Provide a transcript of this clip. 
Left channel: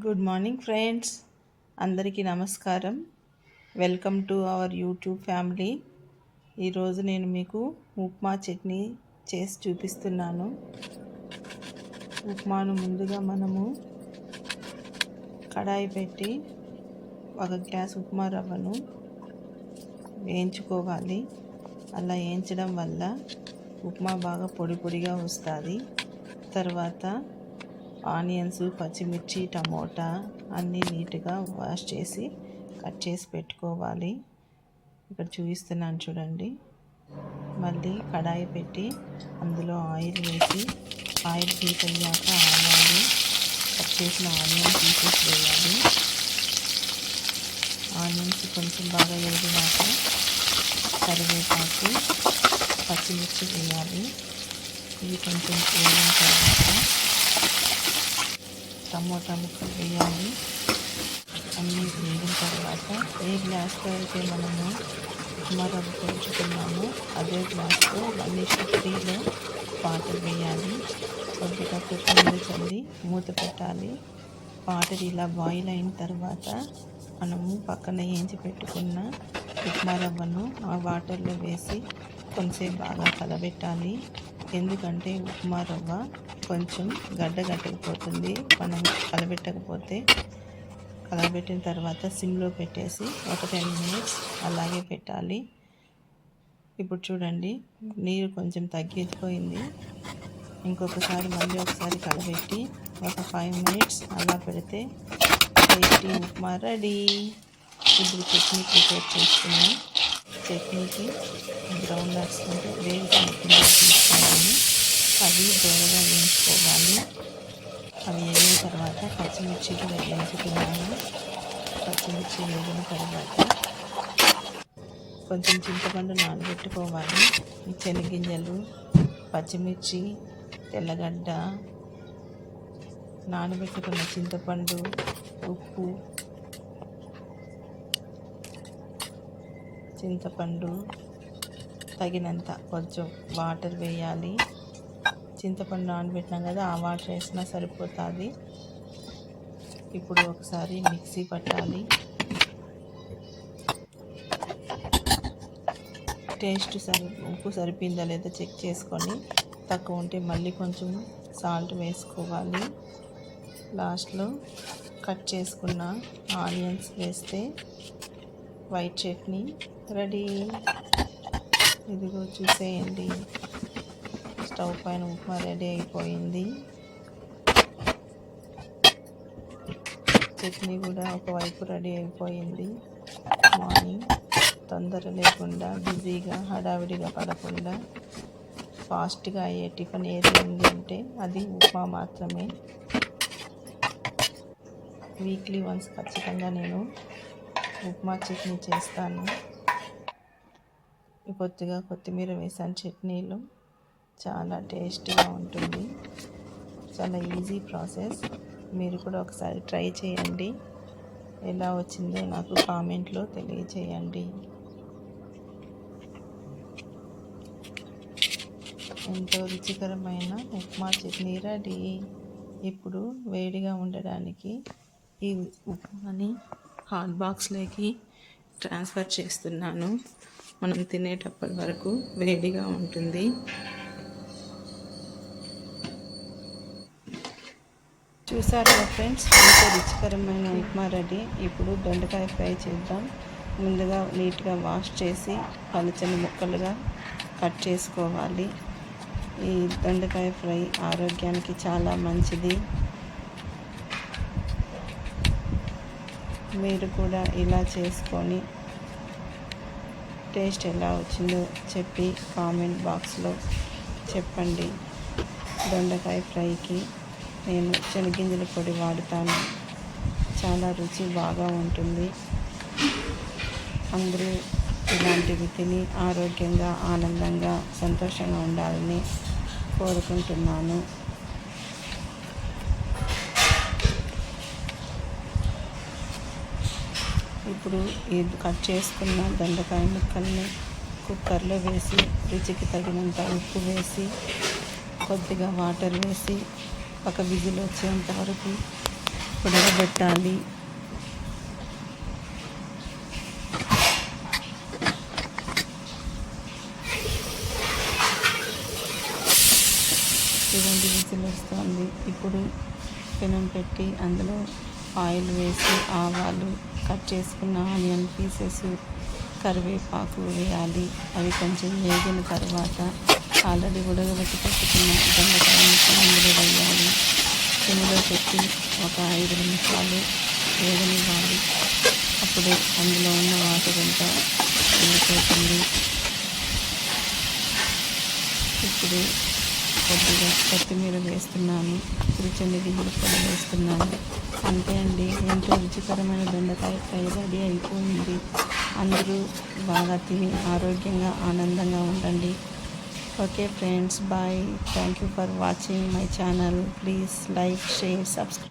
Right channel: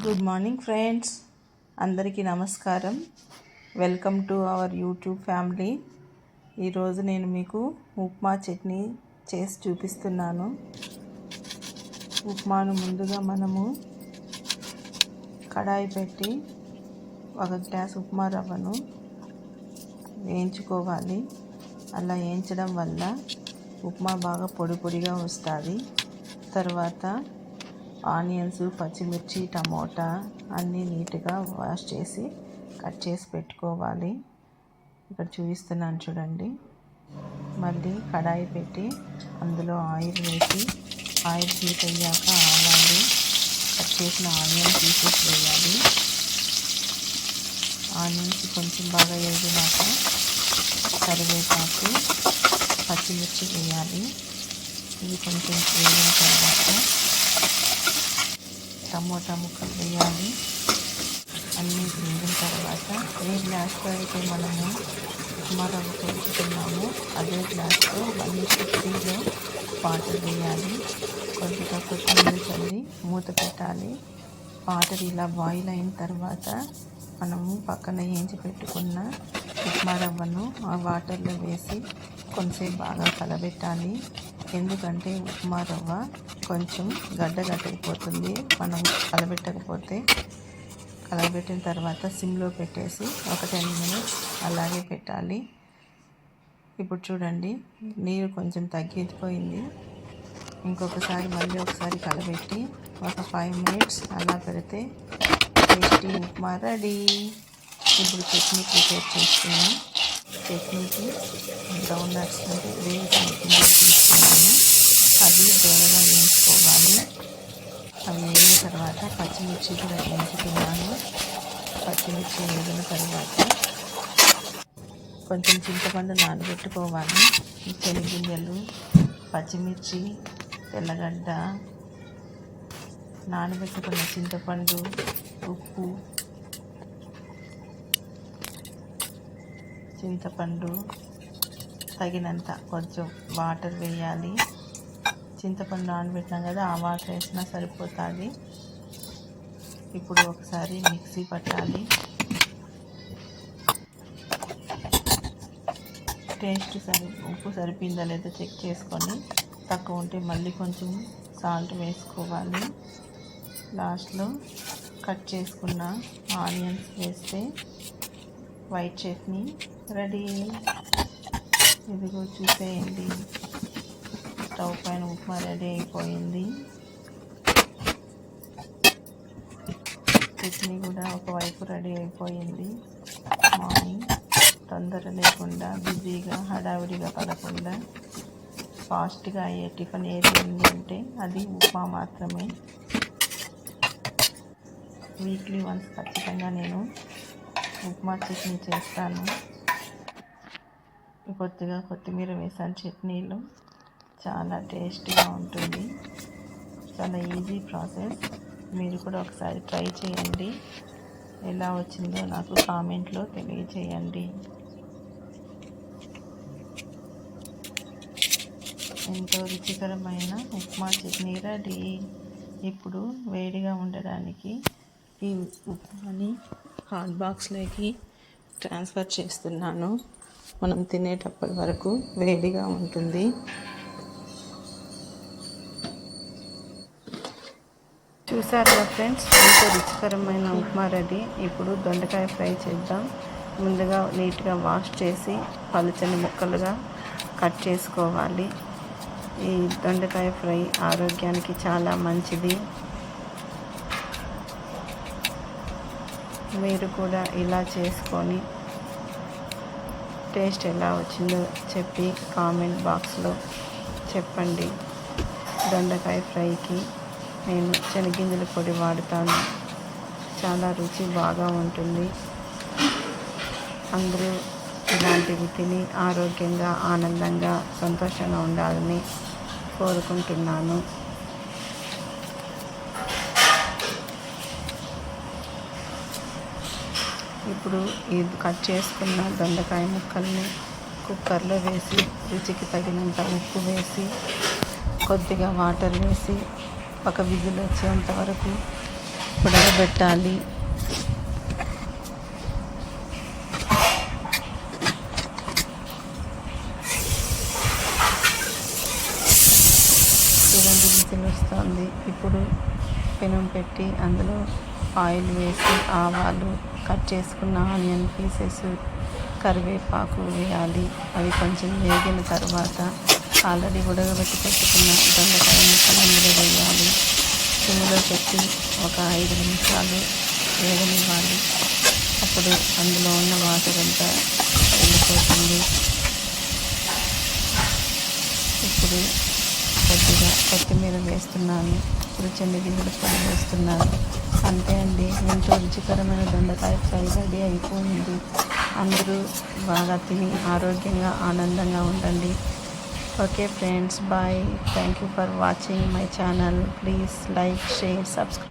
Good morning friends, అందరికీ నమస్కారం. Welcome to our YouTube family. ఈరోజు నేను మీకు ఉప్మా చట్నీ చేసి చూపిస్తున్నాను. ఉప్మాను ముందుగా మనము కడాయి పెట్టి 1 గ్లాస్ ఉప్మా రవ్వను వేయించుకోవాలి. అలా వేయించడం వల్ల ఉప్మా బాగా పొడి పొడిగా వస్తుంది. తర్వాత ఆనియన్స్, పచ్చిమిర్చి, టమోటా అన్నీ నీట్గా వాష్ చేసి కట్ చేసి పెట్టుకోవాలి. ఇక్కడ చూపిస్తున్నాను చూడండి. మళ్ళీ కడాయి పెట్టి అందులో ఆయిల్ వేసి ఆయిల్ హీట్ అయ్యాక ఆవాలు, కట్ చేసిన ఆనియన్ పీసెస్ వేయాలి. ఆనియన్స్ కొంచెం బాగా వేగినాక కరివేపాకు, పచ్చిమిర్చి వేయాలి. ఇవి కొంచెం వేగిన తర్వాత టమోటా ముక్కలు వేయాలి. అన్నీ వేగిన తర్వాత ఏ గ్లాస్తో అయితే మనము ఉప్మా రవ్వ కొలుచుకున్నామో అదే గ్లాస్తో 1:3లో వాటర్ వేయాలి. కొద్దిగా కొత్తిమీర చల్లి మూత పెట్టాలి. వాటర్ ఇలా బాయిల్ అయిన తర్వాత మనము పక్కన వేయించి పెట్టుకున్న ఉప్మా రవ్వను ఆ వాటర్లో వేసి కొంచెంసేపు బాగా కలబెట్టాలి. ఎందుకంటే ఉప్మా రవ్వ కొంచెం గడ్డగట్టకపోతుంది మనం కలబెట్టిన తర్వాత సిమ్లో పెట్టేసి ఒక 10 మినిట్స్ అలాగే పెట్టాలి. ఇప్పుడు చూడండి, నీరు కొంచెం తగ్గిపోయింది. ఇంకొకసారి మళ్ళీ ఒకసారి కలబెట్టి ఒక 5 మినిట్స్ అలా పెడితే టేస్టీ ఉప్మా రెడీ. ఇప్పుడు చట్నీ ప్రిపేర్ చేసుకున్నాం. చట్నీకి గ్రౌండ్ నట్స్ అంటే వేరుశనగ గింజలు తీసుకున్నాను. అవి దూరగా వేయించుకోవాలి. అవి వేగిన తర్వాత పచ్చిమిర్చి కూడా వేయించుకున్నాను. పచ్చిమిర్చి వేగిన తర్వాత కొంచెం చింతపండు నానబెట్టుకోవాలి. శనగింజలు, పచ్చిమిర్చి, తెల్లగడ్డ, నానబెట్టుకున్న చింతపండు, ఉప్పు, తగినంత కొంచెం వాటర్ వేయాలి. చింతపండు నానబెట్టినాం కదా, ఆ వాటర్ వేసినా సరిపోతుంది. ఇప్పుడు ఒకసారి మిక్సీ పట్టాలి. ఉప్పు సరిపోయిందా లేదా చెక్ చేసుకొని తక్కువ ఉంటే మళ్ళీ కొంచెం సాల్ట్ వేసుకోవాలి. లాస్ట్లో కట్ చేసుకున్న ఆనియన్స్ వేస్తే వైట్ చట్నీ రెడీ. ఇదిగో చూసేయండి, స్టవ్ పైన ఉప్మా రెడీ అయిపోయింది. చట్నీ కూడా ఒకవైపు రెడీ అయిపోయింది. మార్నింగ్ తొందర లేకుండా, బిజీగా, హడావిడిగా పడకుండా ఫాస్ట్గా అయ్యే టిఫిన్ ఏది ఉంది అంటే అది ఉప్మా మాత్రమే. వీక్లీ వన్స్ ఖచ్చితంగా నేను ఉప్మా చట్నీ చేస్తాను. కొద్దిగా కొత్తిమీర వేసాను చట్నీలో. చాలా టేస్టీగా ఉంటుంది. చాలా ఈజీ ప్రాసెస్. మీరు కూడా ఒకసారి ట్రై చేయండి. ఎలా వచ్చిందో నాకు కామెంట్లో తెలియచేయండి. ఎంతో రుచికరమైన ఉప్మా చట్నీ రెడీ. ఇప్పుడు వేడిగా ఉండడానికి ఈ ఉప్మాని హాట్ బాక్స్లోకి ట్రాన్స్ఫర్ చేస్తున్నాను. మనం తినేటప్పటి వరకు వేడిగా ఉంటుంది. చూసారుగా ఫ్రెండ్స్, ఎంతో రుచికరమైన ఉప్మా రెడీ. ఇప్పుడు దొండకాయ ఫ్రై చేద్దాం. ముందుగా నీట్గా వాష్ చేసి పలుచని ముక్కలుగా కట్ చేసుకోవాలి. ఈ దొండకాయ ఫ్రై ఆరోగ్యానికి చాలా మంచిది. మీరు కూడా ఇలా చేసుకొని టేస్ట్ ఎలా వచ్చిందో చెప్పి కామెంట్ బాక్స్లో చెప్పండి. దొండకాయ ఫ్రైకి నేను శనగింజల పొడి వాడుతాను. చాలా రుచి బాగా ఉంటుంది. అందరూ ఇలాంటివి తిని ఆరోగ్యంగా, ఆనందంగా, సంతోషంగా ఉండాలని కోరుకుంటున్నాను. ఇప్పుడు ఈ కట్ చేసుకున్న దొండకాయ ముక్కల్ని కుక్కర్లో వేసి రుచికి తగినంత ఉప్పు వేసి కొద్దిగా వాటర్ వేసి ఒక విజిల్ వచ్చేంత వరకు ఉడకబెట్టాలి. చూడండి విజిల్ వస్తుంది. ఇప్పుడు పెనం పెట్టి అందులో ఆయిల్ వేసి ఆవాలు, కట్ చేసుకున్న ఆనియన్ పీసెస్, కరివేపాకు వేయాలి. అవి కొంచెం వేగిన తర్వాత ఆల్రెడీ ఉడకబెట్టి పెట్టుకున్న దొండకాయ ముక్కలు అందులో వేయాలి. సిమ్లో పెట్టి ఒక 5 నిమిషాలు వేగనివ్వాలి. అప్పుడు అందులో ఉన్న వాటర్ అంతా వెళ్ళిపోతుంది. ఇప్పుడు కొద్దిగా కొత్తిమీర వేస్తున్నాను. ఇప్పుడు శనగగింజల పొడి వేస్తున్నాను. అంతే అండి, ఎంతో రుచికరమైన దొండకాయ ఫ్రై రెడీ అయిపోయింది. అందరూ బాగా తిని ఆరోగ్యంగా ఆనందంగా ఉండండి. Okay friends, bye. Thank you for watching my channel. Please like, share, subscribe.